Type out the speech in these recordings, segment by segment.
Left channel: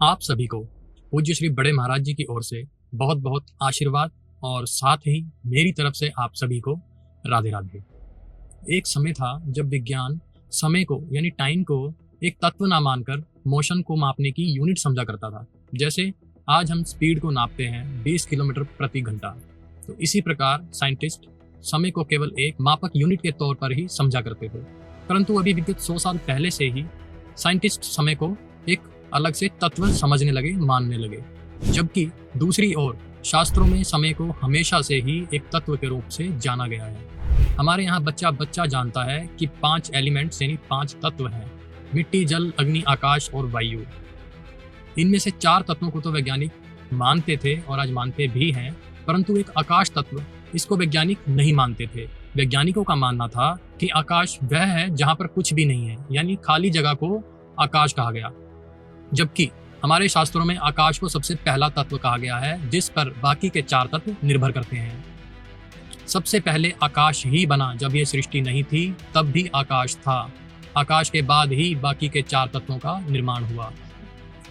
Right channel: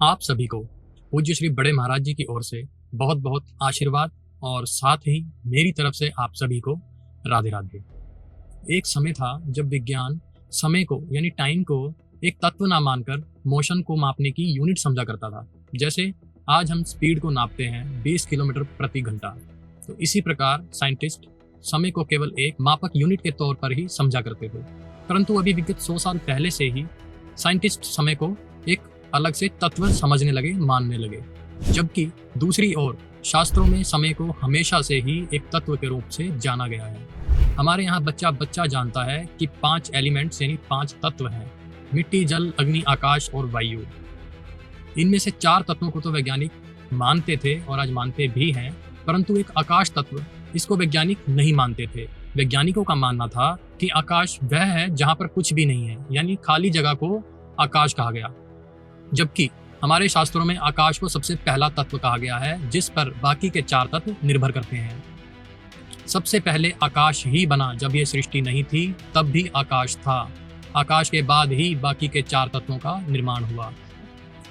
आप सभी को पूज्य श्री बड़े महाराज जी की ओर से बहुत बहुत आशीर्वाद और साथ ही मेरी तरफ से आप सभी को राधे राधे। एक समय था जब विज्ञान समय को यानी टाइम को एक तत्व ना मानकर मोशन को मापने की यूनिट समझा करता था। जैसे आज हम स्पीड को नापते हैं 20 किलोमीटर प्रति घंटा, तो इसी प्रकार साइंटिस्ट समय को केवल एक मापक यूनिट के तौर पर ही समझा करते थे। परंतु अभी विगत 100 साल पहले से ही साइंटिस्ट समय को एक अलग से तत्व समझने लगे, मानने लगे। जबकि दूसरी ओर शास्त्रों में समय को हमेशा से ही एक तत्व के रूप से जाना गया है। हमारे यहाँ बच्चा बच्चा जानता है कि 5 एलिमेंट्स यानी 5 तत्व हैं, मिट्टी, जल, अग्नि, आकाश और वायु। इनमें से 4 तत्वों को तो वैज्ञानिक मानते थे और आज मानते भी हैं, परंतु एक आकाश तत्व, इसको वैज्ञानिक नहीं मानते थे। वैज्ञानिकों का मानना था कि आकाश वह है जहाँ पर कुछ भी नहीं है, यानी खाली जगह को आकाश कहा गया। जबकि हमारे शास्त्रों में आकाश को सबसे पहला तत्व कहा गया है, जिस पर बाकी के 4 तत्व निर्भर करते हैं। सबसे पहले आकाश ही बना, जब ये सृष्टि नहीं थी तब भी आकाश था। आकाश के बाद ही बाकी के 4 तत्वों का निर्माण हुआ।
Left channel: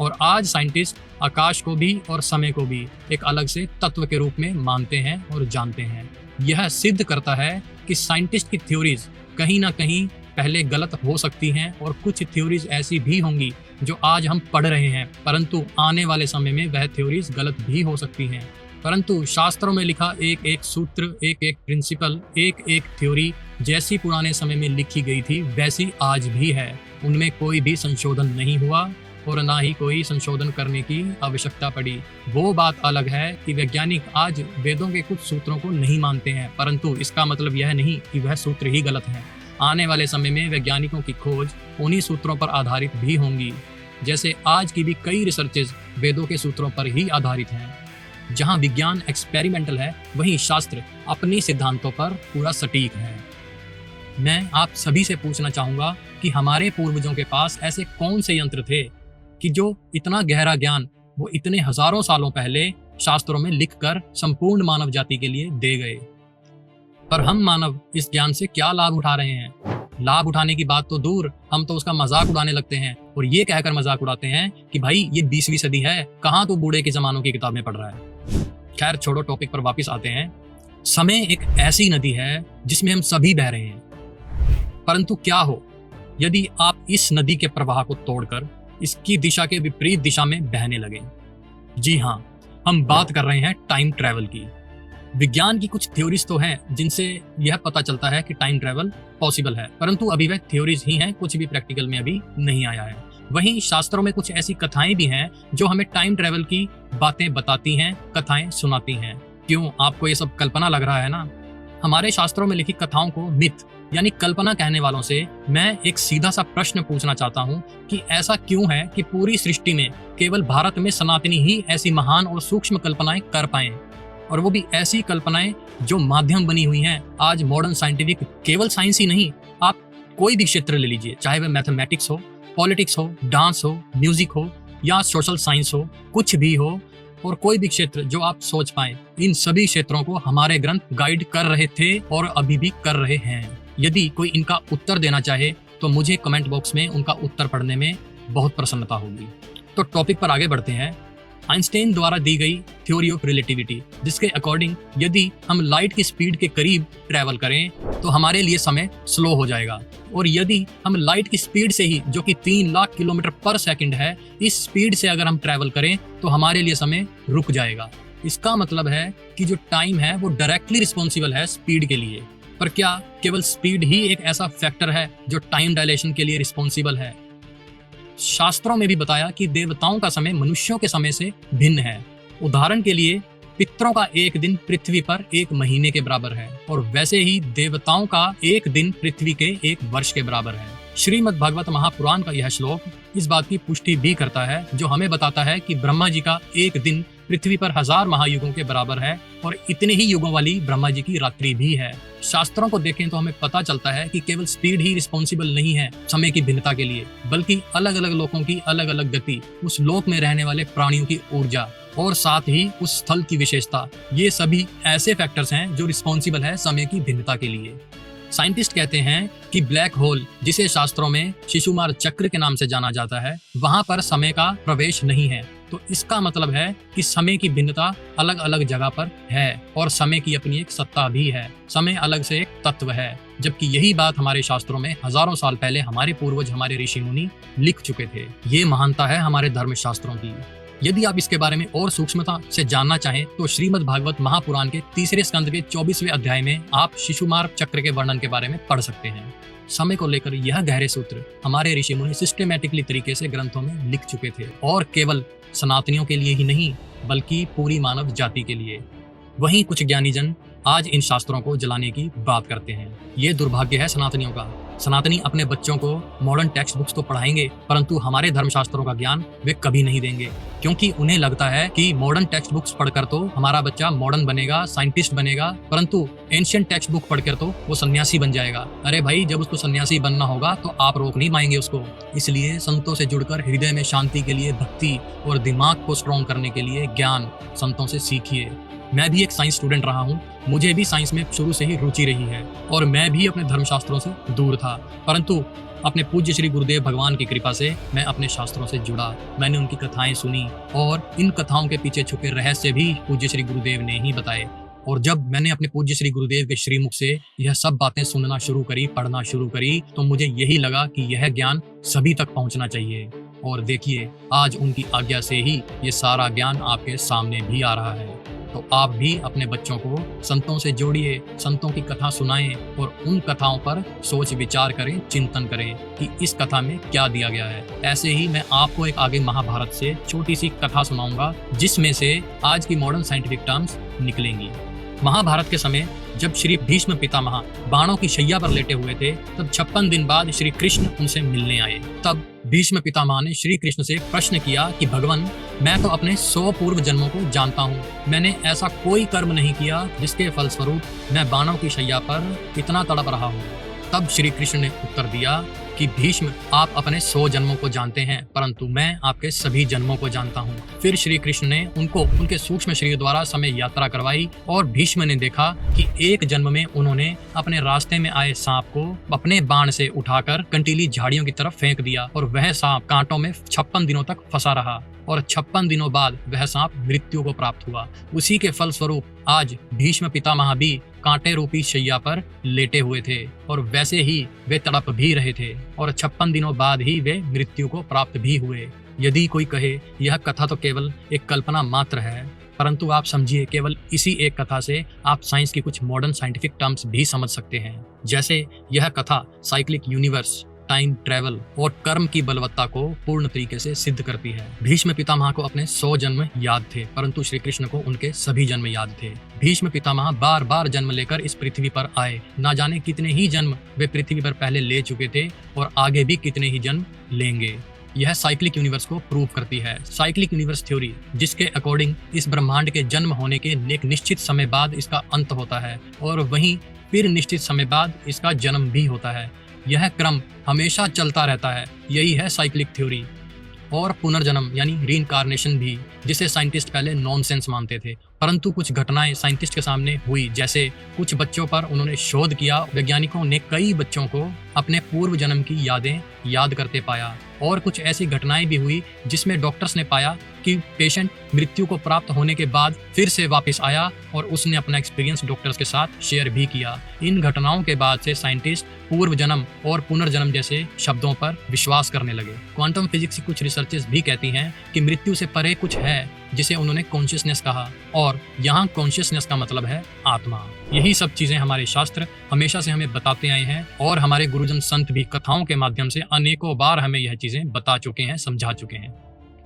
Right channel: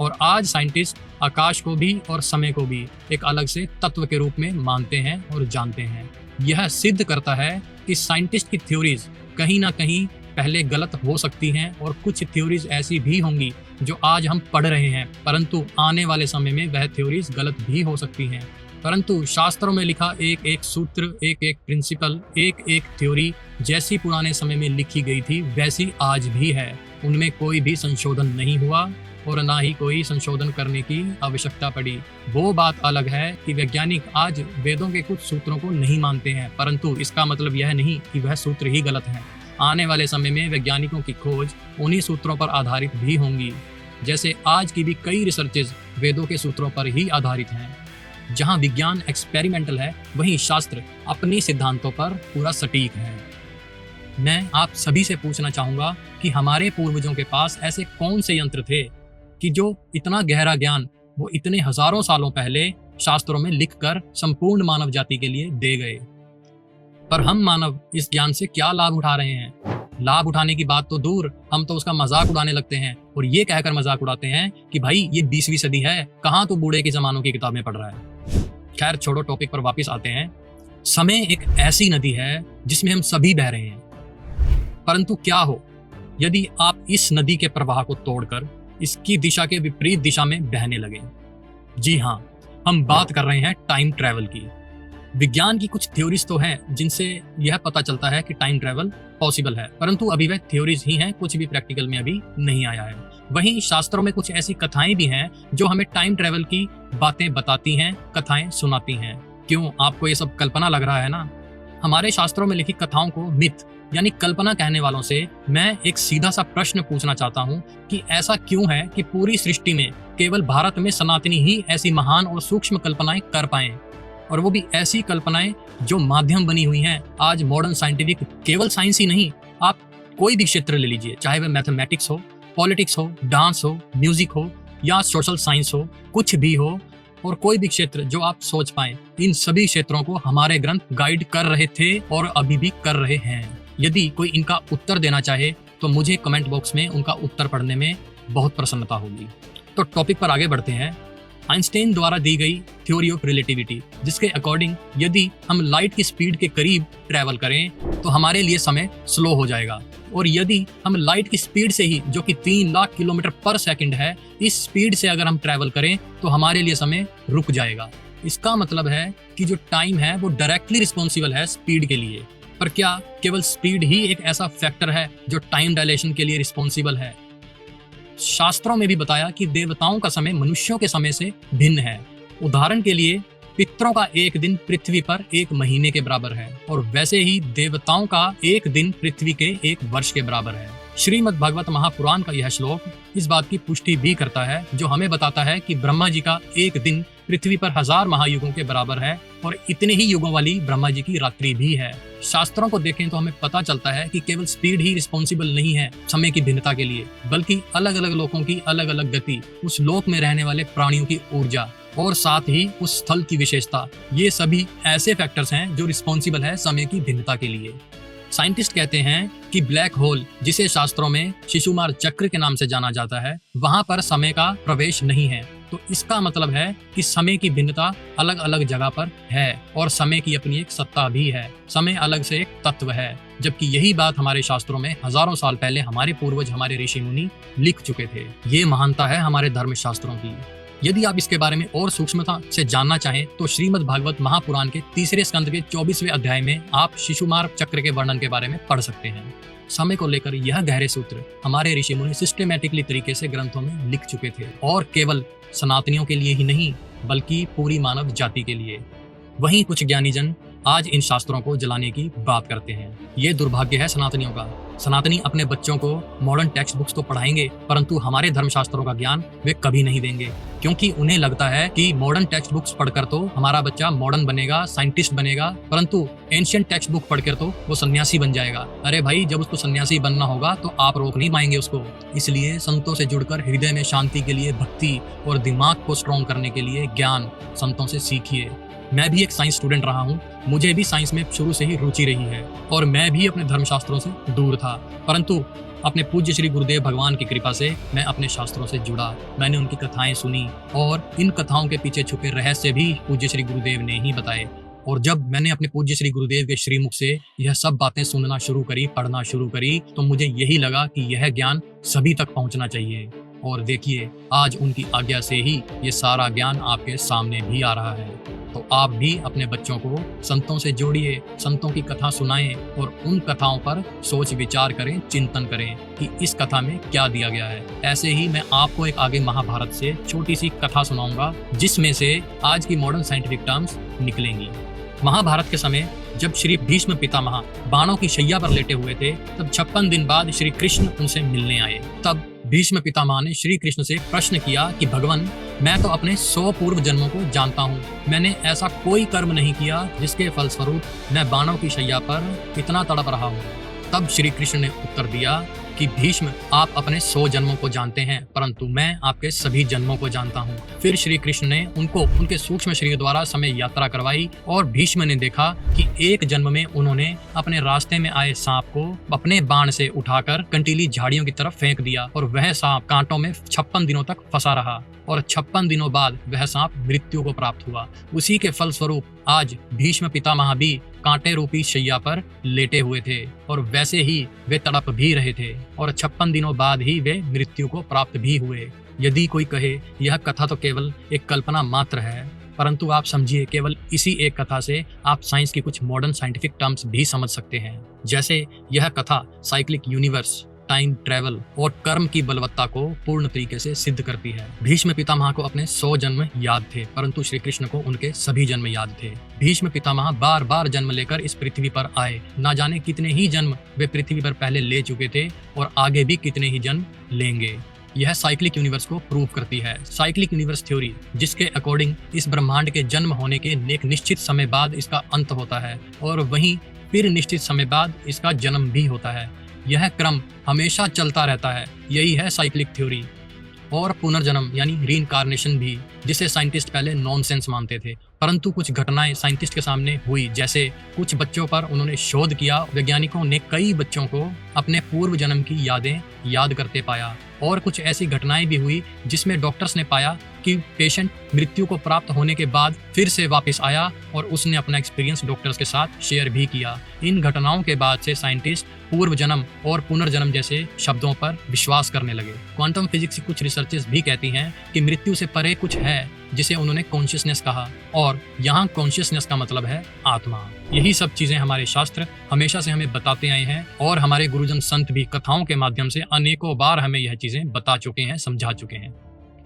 और आज साइंटिस्ट आकाश को भी और समय को भी एक अलग से तत्व के रूप में मानते हैं और जानते हैं। यह सिद्ध करता है कि साइंटिस्ट की थ्योरीज कहीं ना कहीं पहले गलत हो सकती हैं और कुछ थ्योरीज ऐसी भी होंगी जो आज हम पढ़ रहे हैं, परंतु आने वाले समय में वह थ्योरीज गलत भी हो सकती हैं। परंतु शास्त्रों में लिखा एक एक सूत्र, एक एक प्रिंसिपल, एक एक थ्योरी जैसी पुराने समय में लिखी गई थी वैसी आज भी है। उनमें कोई भी संशोधन नहीं हुआ और ना ही कोई संशोधन करने की आवश्यकता पड़ी। वो बात अलग है कि वैज्ञानिक आज वेदों के कुछ सूत्रों को नहीं मानते हैं, परंतु इसका मतलब यह नहीं कि वह सूत्र ही गलत है। आने वाले समय में वैज्ञानिकों की खोज उन्हीं सूत्रों पर आधारित भी होंगी। जैसे आज की भी कई रिसर्चेज वेदों के सूत्रों पर ही आधारित हैं। जहां विज्ञान एक्सपेरिमेंटल है, वहीं शास्त्र अपने सिद्धांतों पर पूरा सटीक है। मैं आप सभी से पूछना चाहूंगा कि हमारे पूर्वजों के पास ऐसे कौन से यंत्र थे कि जो इतना गहरा ज्ञान वो इतने हजारों सालों पहले शास्त्रों में लिखकर संपूर्ण मानव जाति के लिए दे गए। पर हम मानव इस ज्ञान से क्या लाभ उठा रहे हैं? लाभ उठाने की बात तो दूर, हम तो उसका मजाक उड़ाने लगते हैं और ये कहकर मजाक उड़ाते हैं कि भाई ये 20वीं सदी है, कहाँ तू बूढ़े के जमानों की किताबें पढ़ रहा है। खैर छोड़ो, टॉपिक पर वापस आते हैं। समय एक ऐसी नदी है जिसमें हम सभी बह रहे हैं, परंतु क्या हो यदि आप इस नदी के प्रवाह को तोड़कर इसकी दिशा के विपरीत दिशा में बहने लगे? जी हाँ, हम बात कर रहे हैं टाइम ट्रैवल की। विज्ञान की कुछ थ्योरीज तो हैं जिनसे यह पता चलता है कि टाइम ट्रैवल पॉसिबल है, परंतु अभी वह थ्योरीज ही हैं, कुछ भी प्रैक्टिकल में अभी नहीं आया है। वहीं शास्त्रों में कुछ ऐसी कथाएं भी हैं जो हमें टाइम ट्रैवल की बातें बताती हैं, कथाएं सुनाती हैं। क्यों आपको ये सब कल्पना लग रहा है ना? हमारे शास्त्रों में लिखी कथाओं को मिथ यानी कल्पना कहने वालों से मैं एक सीधा सा प्रश्न पूछना चाहता हूँ कि ऐसा क्यों है कि पूरी सृष्टि में केवल भारत में सनातनी ही ऐसी महान और सूक्ष्म कल्पनाएं कर पाए, और वो भी ऐसी कल्पनाएं जो माध्यम बनी हुई हैं आज मॉडर्न साइंटिफिक। केवल साइंस ही नहीं, आप कोई भी क्षेत्र ले लीजिए, चाहे वह मैथमेटिक्स हो, पॉलिटिक्स हो, डांस हो, म्यूजिक हो या सोशल साइंस हो, कुछ भी हो, और कोई भी क्षेत्र जो आप सोच पाए, इन सभी क्षेत्रों को हमारे ग्रंथ गाइड कर रहे थे और अभी भी कर रहे हैं। यदि कोई इनका उत्तर देना चाहे तो मुझे कमेंट बॉक्स में उनका उत्तर पढ़ने में बहुत प्रसन्नता होगी। तो टॉपिक पर आगे बढ़ते हैं। आइंस्टाइन द्वारा दी गई थ्योरी ऑफ रिलेटिविटी, जिसके अकॉर्डिंग यदि हम लाइट की स्पीड के करीब ट्रैवल करें तो हमारे लिए समय स्लो हो जाएगा, और यदि हम लाइट की स्पीड से ही, जो कि 3 लाख किलोमीटर पर सेकंड है, इस स्पीड से अगर हम ट्रैवल करें तो हमारे लिए समय रुक जाएगा। इसका मतलब है कि जो टाइम है वो डायरेक्टली रिस्पॉन्सिबल है स्पीड के लिए। पर क्या केवल स्पीड ही एक ऐसा फैक्टर है जो टाइम डायलेशन के लिए रिस्पॉन्सिबल है? शास्त्रों में भी बताया कि देवताओं का समय मनुष्यों के समय से भिन्न है। उदाहरण के लिए पितरों का एक दिन पृथ्वी पर 1 महीने के बराबर है, और वैसे ही देवताओं का एक दिन पृथ्वी के 1 वर्ष के बराबर है। श्रीमद् भागवत महापुराण का यह श्लोक इस बात की पुष्टि भी करता है, जो हमें बताता है कि ब्रह्मा जी का एक दिन पृथ्वी पर 1000 महायुगों के बराबर है, और इतने ही युगों वाली ब्रह्मा जी की रात्रि भी है। शास्त्रों को देखें तो हमें पता चलता है कि केवल स्पीड ही रिस्पॉन्सिबल नहीं है समय की भिन्नता के लिए, बल्कि अलग अलग लोकों की अलग अलग गति, उस लोक में रहने वाले प्राणियों की ऊर्जा, और साथ ही उस स्थल की विशेषता, ये सभी ऐसे फैक्टर्स हैं जो रिस्पॉन्सिबल है समय की भिन्नता के लिए। साइंटिस्ट कहते हैं कि ब्लैक होल, जिसे शास्त्रों में शिशुमार चक्र के नाम से जाना जाता है, वहां पर समय का प्रवेश नहीं है। तो इसका मतलब है कि समय की भिन्नता अलग अलग जगह पर है और समय की अपनी एक सत्ता भी है। समय अलग से एक तत्व है, जबकि यही बात हमारे शास्त्रों में हजारों साल पहले हमारे पूर्वज, हमारे ऋषि मुनि लिख चुके थे। ये महानता है हमारे धर्म शास्त्रों की। यदि आप इसके बारे में और सूक्ष्मता से जानना चाहें तो श्रीमद् भागवत महापुराण के 3 स्कंद के 24वें अध्याय में आप शिशुमार चक्र के वर्णन के बारे में पढ़ सकते हैं। समय को लेकर यह गहरे सूत्र हमारे ऋषि मुनि सिस्टेमेटिकली तरीके से ग्रंथों में लिख चुके थे, और केवल सनातनियों के लिए ही नहीं बल्कि पूरी मानव जाति के लिए। वहीं कुछ ज्ञानी जन आज इन शास्त्रों को जलाने की बात करते हैं। ये दुर्भाग्य है सनातनियों का। सनातनी अपने बच्चों को मॉडर्न टेक्स्ट बुक्स तो पढ़ाएंगे, परंतु हमारे धर्मशास्त्रों का ज्ञान वे कभी नहीं देंगे, क्योंकि उन्हें लगता है कि मॉडर्न टेक्स्ट बुक्स पढ़कर तो हमारा बच्चा मॉडर्न बनेगा, साइंटिस्ट बनेगा, परंतु एंशिएंट टेक्स्ट बुक पढ़कर तो वो सन्यासी बन जाएगा। अरे भाई, जब उसको सन्यासी बनना होगा तो आप रोक नहीं पाएंगे उसको। इसलिए संतों से जुड़कर हृदय में शांति के लिए भक्ति और दिमाग को स्ट्रॉन्ग करने के लिए ज्ञान संतों से सीखिए। मैं भी एक साइंस स्टूडेंट रहा हूँ, मुझे भी साइंस में शुरू से ही रुचि रही है और मैं भी अपने धर्मशास्त्रों से दूर था, परंतु अपने पूज्य श्री गुरुदेव भगवान की कृपा से मैं अपने शास्त्रों से जुड़ा। मैंने उनकी कथाएं सुनी और इन कथाओं के पीछे छुपे रहस्य भी पूज्य श्री गुरुदेव ने ही बताए। और जब मैंने अपने पूज्य श्री गुरुदेव के श्रीमुख से यह सब बातें सुनना शुरू करी, पढ़ना शुरू करी, तो मुझे यही लगा कि यह ज्ञान सभी तक पहुंचना चाहिए। और देखिए, आज उनकी आज्ञा से ही ये सारा ज्ञान आपके सामने भी आ रहा है। तो आप भी अपने बच्चों को संतों से जोड़िए, संतों की कथा सुनाएं और उन कथाओं पर सोच विचार करें, चिंतन करें कि इस कथा में क्या दिया गया है। ऐसे ही मैं आपको एक आगे महाभारत से छोटी सी कथा सुनाऊंगा, जिसमें से आज की मॉडर्न साइंटिफिक टर्म्स निकलेंगी। महाभारत के समय जब श्री भीष्म पितामह बाणों की शैया पर लेटे हुए थे, तब 56 दिन बाद श्री कृष्ण उनसे मिलने आए। तब भीष्म पितामह ने श्री कृष्ण से प्रश्न किया कि भगवान, मैं तो अपने 100 पूर्व जन्मों को जानता हूँ, मैंने ऐसा कोई कर्म नहीं किया जिसके फलस्वरूप मैं बाणों की शैया पर इतना तड़प रहा हूँ। तब श्री कृष्ण ने उत्तर दिया कि भीष्म, आप अपने 100 जन्मों को जानते हैं, परंतु मैं आपके सभी जन्मों को जानता हूँ। फिर श्री कृष्ण ने उनको उनके सूक्ष्म शरीर द्वारा समय यात्रा करवाई और भीष्म ने देखा कि एक जन्म में उन्होंने अपने रास्ते में आए सांप को अपने बाण से उठाकर कंटीली झाड़ियों की तरफ फेंक दिया और वह सांप कांटों में 56 दिनों तक फंसा रहा और 56 दिनों बाद वह सांप मृत्यु को प्राप्त हुआ। उसी के फलस्वरूप आज भीष्म पितामह भी कांटे रूपी शैया पर लेटे हुए थे और वैसे ही वे तड़प भी रहे थे और 56 दिनों बाद ही वे मृत्यु को प्राप्त भी हुए। यदि कोई कहे यह कथा तो केवल एक कल्पना मात्र है, परंतु आप समझिए, केवल इसी एक कथा से आप साइंस की कुछ मॉडर्न साइंटिफिक टर्म्स भी समझ सकते हैं। जैसे यह कथा साइक्लिक यूनिवर्स, टाइम ट्रेवल और कर्म की बलवत्ता को पूर्ण तरीके से सिद्ध करती है। भीष्म पितामह को अपने 100 जन्म याद थे, परंतु श्री कृष्ण को उनके सभी जन्म याद थे। भीष्म पितामह बार बार जन्म लेकर इस पृथ्वी पर आए। ना जाने कितने ही जन्म वे पृथ्वी पर पहले ले चुके थे और आगे भी कितने ही जन्म लेंगे। यह साइक्लिक यूनिवर्स को प्रूव करती है। साइक्लिक यूनिवर्स थ्योरी, जिसके अकॉर्डिंग इस ब्रह्मांड के जन्म होने के एक निश्चित समय बाद इसका अंत होता है और वहीं फिर निश्चित समय बाद इसका जन्म भी होता है। यह क्रम हमेशा चलता रहता है। यही है साइक्लिक थ्योरी। और पुनर्जन्म यानी रीइंकार्नेशन भी, जिसे साइंटिस्ट पहले नॉनसेंस मानते थे, परंतु कुछ घटनाएं साइंटिस्ट के सामने हुई। जैसे कुछ बच्चों पर उन्होंने शोध किया, वैज्ञानिकों ने कई बच्चों को अपने पूर्व जन्म की यादें याद करते पाया। और कुछ ऐसी घटनाएं भी हुई जिसमें डॉक्टर्स ने पाया कि पेशेंट मृत्यु को प्राप्त होने के बाद फिर से वापस आया और उसने अपना एक्सपीरियंस डॉक्टर्स के साथ शेयर भी किया। इन घटनाओं के बाद से साइंटिस्ट पूर्व जन्म और पुनर्जन्म जैसे शब्दों पर विश्वास करने लगे। क्वांटम फिजिक्स की कुछ रिसर्चेस भी कहती हैं कि मृत्यु से परे कुछ है जिसे उन्होंने कॉन्शियसनेस कहा, और यहाँ कॉन्शियसनेस का मतलब है आत्मा। यही सब चीजें हमारे शास्त्र हमेशा से हमें बताते आए हैं और हमारे गुरुजन संत भी कथाओं के माध्यम से अनेकों बार हमें यह चीजें बता चुके हैं, समझा चुके हैं।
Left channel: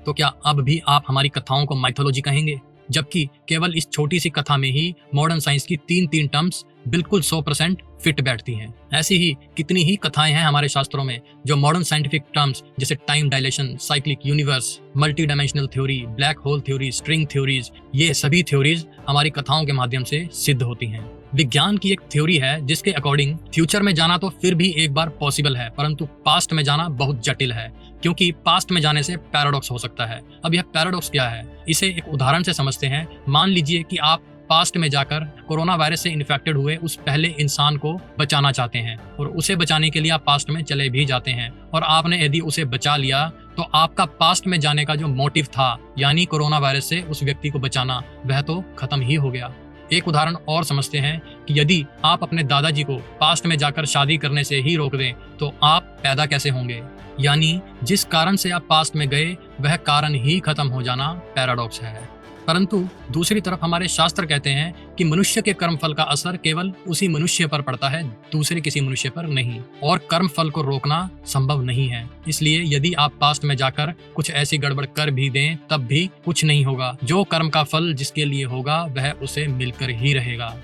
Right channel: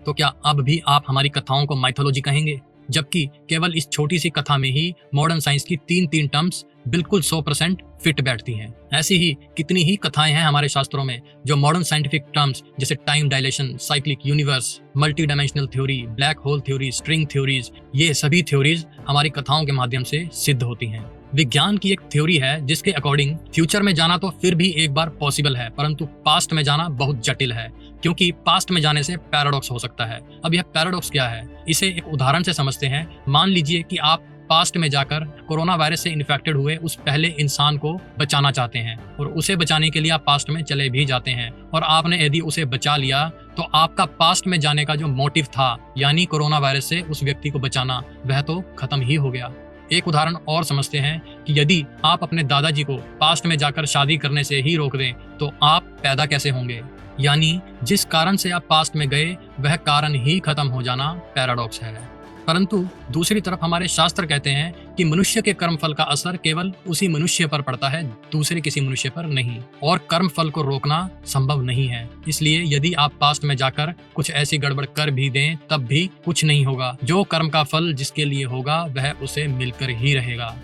तो क्या अब भी आप हमारी कथाओं को माइथोलॉजी कहेंगे? जबकि केवल इस छोटी सी कथा में ही मॉडर्न साइंस की तीन टर्म्स बिल्कुल 100% फिट बैठती हैं। ऐसी ही कितनी ही कथाएं हैं हमारे शास्त्रों में जो मॉडर्न साइंटिफिक टर्म्स जैसे time dilation, cyclic universe, multi dimensional theory, black hole theory, string theories, ये सभी थ्योरीज हमारी कथाओं के माध्यम से सिद्ध होती हैं। विज्ञान की एक थ्योरी है जिसके अकॉर्डिंग फ्यूचर में जाना तो फिर भी एक बार पॉसिबल है, परंतु पास्ट में जाना बहुत जटिल है, क्योंकि पास्ट में जाने से पैराडॉक्स हो सकता है। अब यह पैराडॉक्स क्या है, इसे एक उदाहरण से समझते हैं। मान लीजिए कि आप पास्ट में जाकर कोरोना वायरस से इन्फेक्टेड हुए उस पहले इंसान को बचाना चाहते हैं और उसे बचाने के लिए आप पास्ट में चले भी जाते हैं और आपने यदि उसे बचा लिया तो आपका पास्ट में जाने का जो मोटिव था यानी कोरोना वायरस से उस व्यक्ति को बचाना वह तो खत्म ही हो गया। एक उदाहरण और समझते हैं कि यदि आप अपने दादाजी को पास्ट में जाकर शादी करने से ही रोक दें तो आप पैदा कैसे होंगे, यानी जिस कारण से आप पास्ट में गए वह कारण ही खत्म हो जाना पैराडॉक्स है। परंतु दूसरी तरफ हमारे शास्त्र कहते हैं कि मनुष्य के कर्मफल का असर केवल उसी मनुष्य पर पड़ता है, दूसरे किसी मनुष्य पर नहीं, और कर्मफल को रोकना संभव नहीं है। इसलिए यदि आप पास्ट में जाकर कुछ ऐसी गड़बड़ कर भी दें तब भी कुछ नहीं होगा। जो कर्म का फल जिसके लिए होगा वह उसे मिलकर ही रहेगा।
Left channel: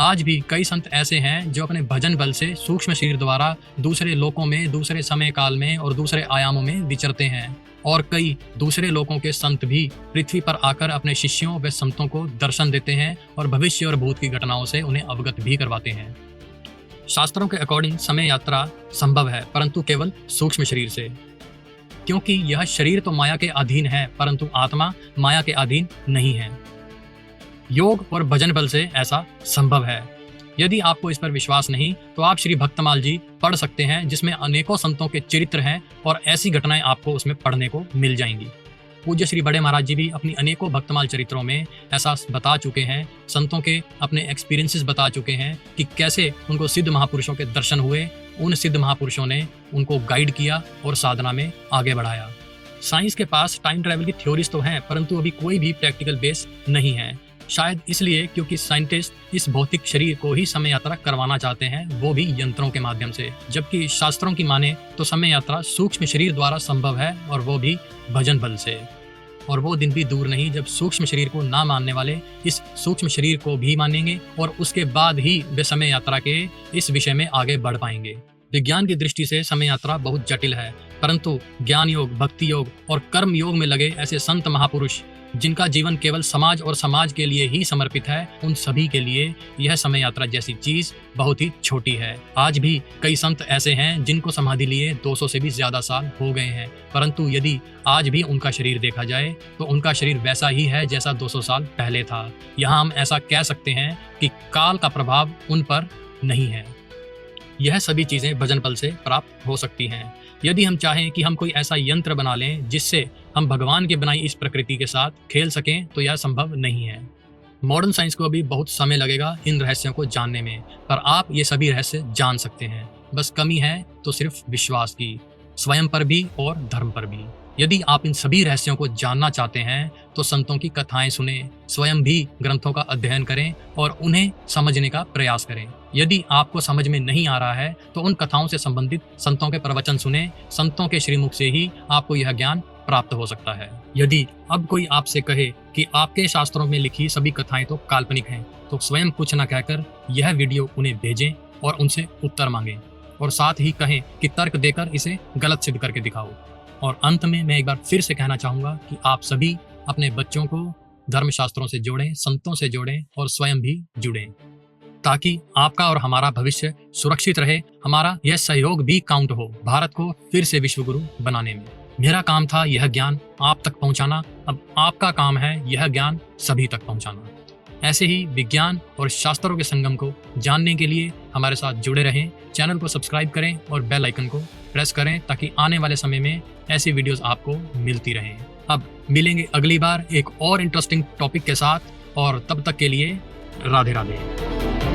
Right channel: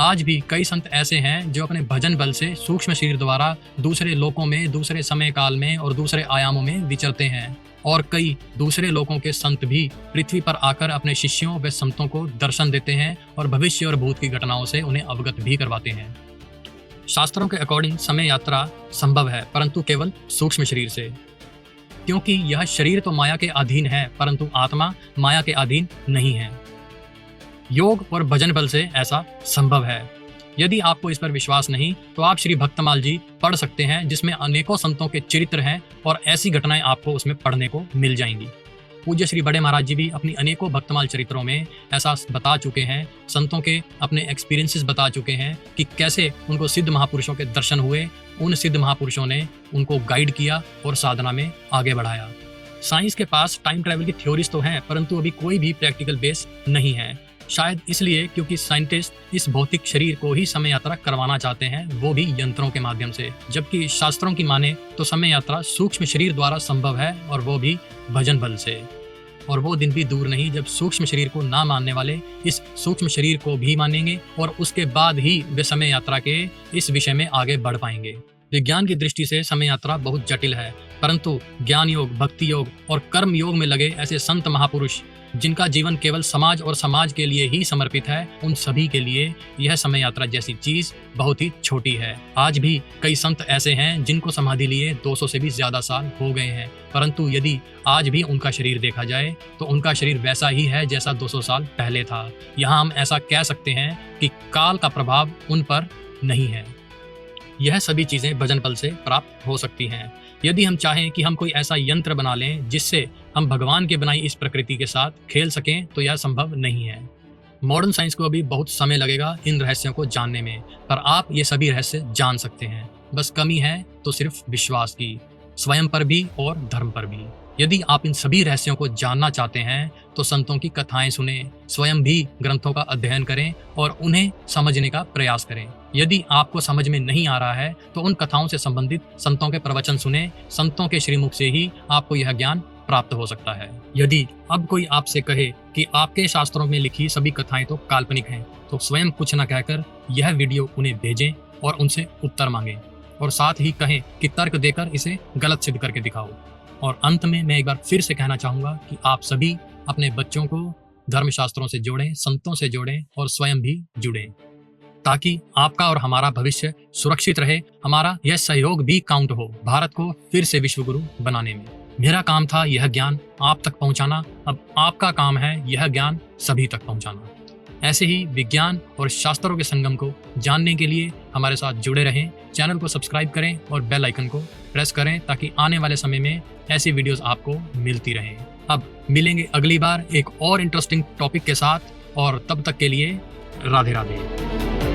आज भी कई संत ऐसे हैं जो अपने भजन बल से सूक्ष्म शरीर द्वारा दूसरे लोकों में, दूसरे समय काल में और दूसरे आयामों में विचरते हैं, और कई दूसरे लोकों के संत भी पृथ्वी पर आकर अपने शिष्यों व संतों को दर्शन देते हैं और भविष्य और भूत की घटनाओं से उन्हें अवगत भी करवाते हैं। शास्त्रों के अकॉर्डिंग समय यात्रा संभव है, परंतु केवल सूक्ष्म शरीर से, क्योंकि यह शरीर तो माया के अधीन है परंतु आत्मा माया के अधीन नहीं है। योग और भजन बल से ऐसा संभव है। यदि आपको इस पर विश्वास नहीं तो आप श्री भक्तमाल जी पढ़ सकते हैं, जिसमें अनेकों संतों के चरित्र हैं और ऐसी घटनाएं आपको उसमें पढ़ने को मिल जाएंगी। पूज्य श्री बड़े महाराज जी भी अपनी अनेकों भक्तमाल चरित्रों में ऐसा बता चुके हैं, संतों के अपने एक्सपीरियंसेस बता चुके हैं कि कैसे उनको सिद्ध महापुरुषों के दर्शन हुए, उन सिद्ध महापुरुषों ने उनको गाइड किया और साधना में आगे बढ़ाया। साइंस के पास टाइम ट्रैवल की थ्योरीज तो हैं, परंतु अभी कोई भी प्रैक्टिकल बेस नहीं है। शायद इसलिए क्योंकि साइंटिस्ट इस भौतिक शरीर को ही समय यात्रा करवाना चाहते हैं, वो भी यंत्रों के माध्यम से, जबकि शास्त्रों की माने तो समय यात्रा सूक्ष्म शरीर द्वारा संभव है और वो भी भजन बल से। और वो दिन भी दूर नहीं जब सूक्ष्म शरीर को ना मानने वाले इस सूक्ष्म शरीर को भी मानेंगे और उसके बाद ही वे समय यात्रा के इस विषय में आगे बढ़ पाएंगे। विज्ञान की दृष्टि से समय यात्रा बहुत जटिल है, परंतु ज्ञान योग, भक्ति योग और कर्म योग में लगे ऐसे संत महापुरुष जिनका जीवन केवल समाज और समाज के लिए ही समर्पित है, उन सभी के लिए यह समय यात्रा जैसी चीज बहुत ही छोटी है। आज भी कई संत ऐसे हैं जिनको समाधि लिए 200 से भी ज्यादा साल हो गए हैं, परंतु यदि आज भी उनका शरीर देखा जाए तो उनका शरीर वैसा ही है जैसा 200 साल पहले था। यहाँ हम ऐसा कह सकते हैं कि काल का प्रभाव उन पर नहीं है। यह सभी चीजें भजन बल से प्राप्त हो सकती हैं। यदि हम चाहें कि हम कोई ऐसा यंत्र बना लें जिससे हम भगवान के बनाई इस प्रकृति के साथ खेल सकें तो यह संभव नहीं है। मॉडर्न साइंस को अभी बहुत समय लगेगा इन रहस्यों को जानने में, पर आप ये सभी रहस्य जान सकते हैं। बस कमी है तो सिर्फ विश्वास की, स्वयं पर भी और धर्म पर भी। यदि आप इन सभी रहस्यों को जानना चाहते हैं तो संतों की कथाएं सुने, स्वयं भी ग्रंथों का अध्ययन करें और उन्हें समझने का प्रयास करें। यदि आपको समझ में नहीं आ रहा है तो उन कथाओं से संबंधित संतों के प्रवचन सुने, संतों के श्रीमुख से ही आपको यह ज्ञान प्राप्त हो सकता है। यदि अब कोई आपसे कहे कि आपके शास्त्रों में लिखी सभी कथाएं तो काल्पनिक हैं, तो स्वयं कुछ न कहकर यह वीडियो उन्हें भेजें और उनसे उत्तर मांगें, और साथ ही कहें कि तर्क देकर इसे गलत सिद्ध करके दिखाओ। और अंत में मैं एक बार फिर से कहना चाहूंगा कि आप सभी अपने बच्चों को धर्मशास्त्रों से जोड़ें, संतों से जोड़ें और स्वयं भी जुड़ें, ताकि आपका और हमारा भविष्य सुरक्षित रहे, हमारा यह सहयोग भी काउंट हो भारत को फिर से विश्व गुरु बनाने में। मेरा काम था यह ज्ञान आप तक पहुंचाना, अब आपका काम है यह ज्ञान सभी तक पहुंचाना। ऐसे ही विज्ञान और शास्त्रों के संगम को जानने के लिए हमारे साथ जुड़े रहें। चैनल को सब्सक्राइब करें और बेल आइकन को प्रेस करें ताकि आने वाले समय में ऐसी वीडियोस आपको मिलती रहें। अब मिलेंगे अगली बार एक और इंटरेस्टिंग टॉपिक के साथ, और तब तक के लिए राधे राधे।